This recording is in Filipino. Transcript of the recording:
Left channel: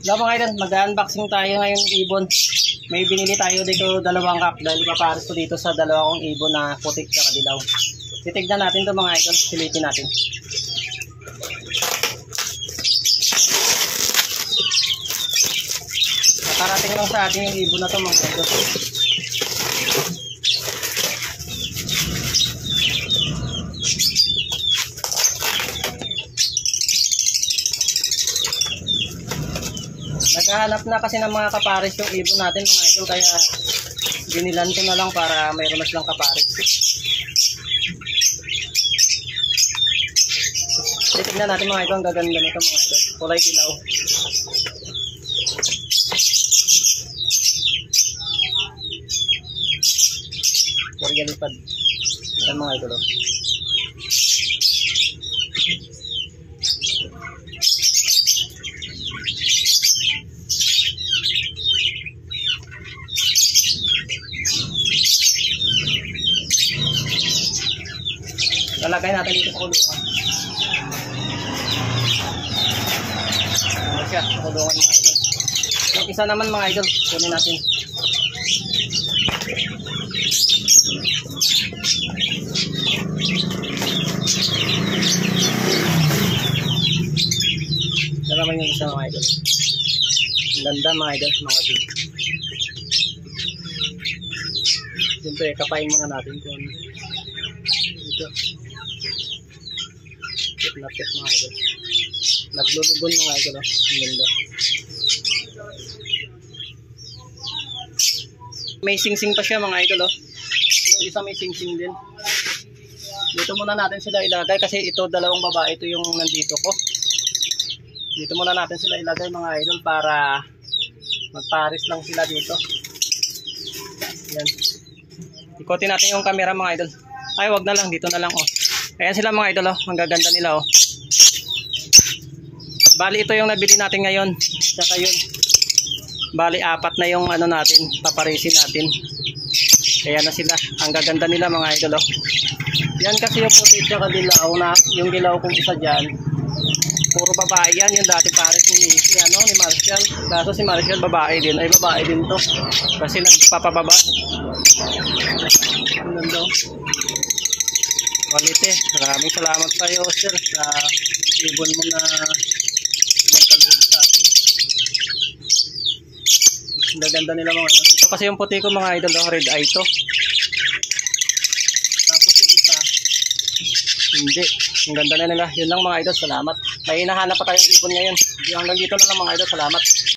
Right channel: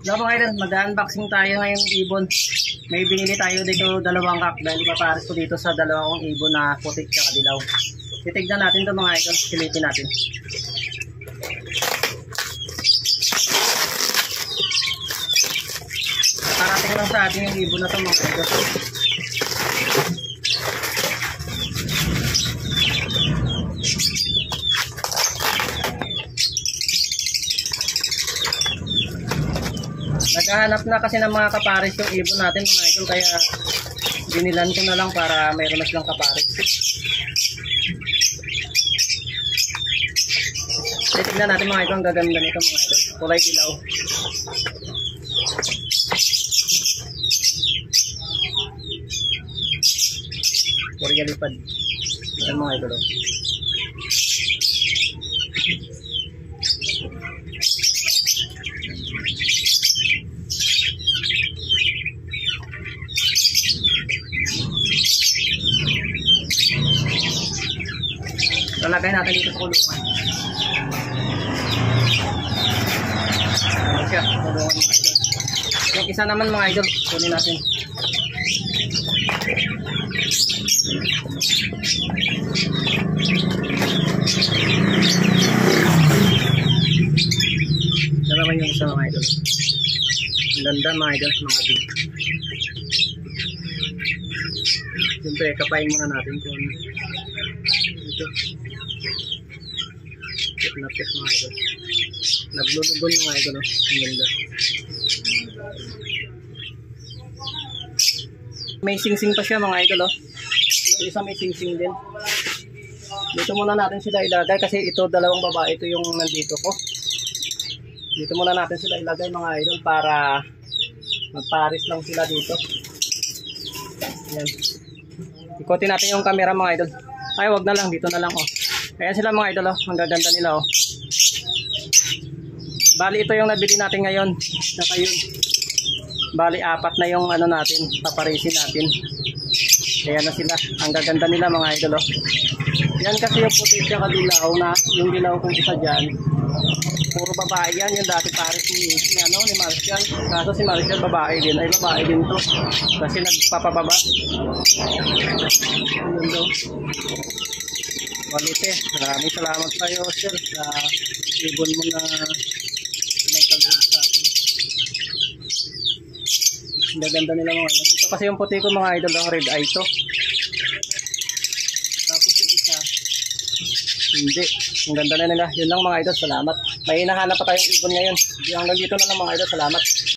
Hello mga idol, mag-unboxing tayo ngayon ibon. May binili tayo dito dalawang kak dahil ipapares ko dito sa dalawang ibon na putik at dilaw. Titignan natin to mga idol, silipin natin. Nakarating lang sa atin yung ibon na to mga idol. Naghahanap na kasi ng mga kapares yung ibon natin mga idol, kaya binilan ko na lang para mayroon na silang kapares. Titignan natin mga idol, ang gaganda nito mga idol, kulay dilaw. Korea lipad. Yan mga idol. Lalagay natin dito sa kulungan. Ano siya? Kulungan mga idol. Yung isa naman mga idol, kunin natin. Yan naman yung isa mga idol. Ang ganda mga idol, mga big. Siyempre, kapain muna natin kung ito. Napit mga idol. Naglulugon mga idol. Ang ganda. May sing-sing pa siya mga idol. Yung isa may sing-sing din. Dito muna natin sila ilagay kasi ito dalawang babae. Ito yung nandito ko. Dito muna natin sila ilagay mga idol para magpares lang sila dito. Yan. Ikotin natin yung camera mga idol. Ay, wag na lang, dito na lang oh. Ayan sila mga idol oh, ang gaganda nila oh. Bali ito yung nabili natin ngayon. Saka yun. Bali apat na yung ano natin, paparisin natin. Kaya na sila, ang gaganda nila mga idol oh. Yan kasi yung puti at dilaw na, yung dilaw kung isa dyan. Puro babae yan, yung dati pares ni Marshall. Kaso si Marshall babae din, ay babae din to. Kasi nagpapababa. Ang ganda oh. Walite, maraming salamat sa iyo sir sa ibon mo na pinagkaloob sa akin. Ang ganda nila mga idol. Ito kasi yung puti ko mga idol, red eye to. Tapos yung isa, hindi. Ang ganda na nila. Yun lang mga idol, salamat. May hinahanap pa tayong ibon ngayon. Hanggang dito na lang mga idol, salamat.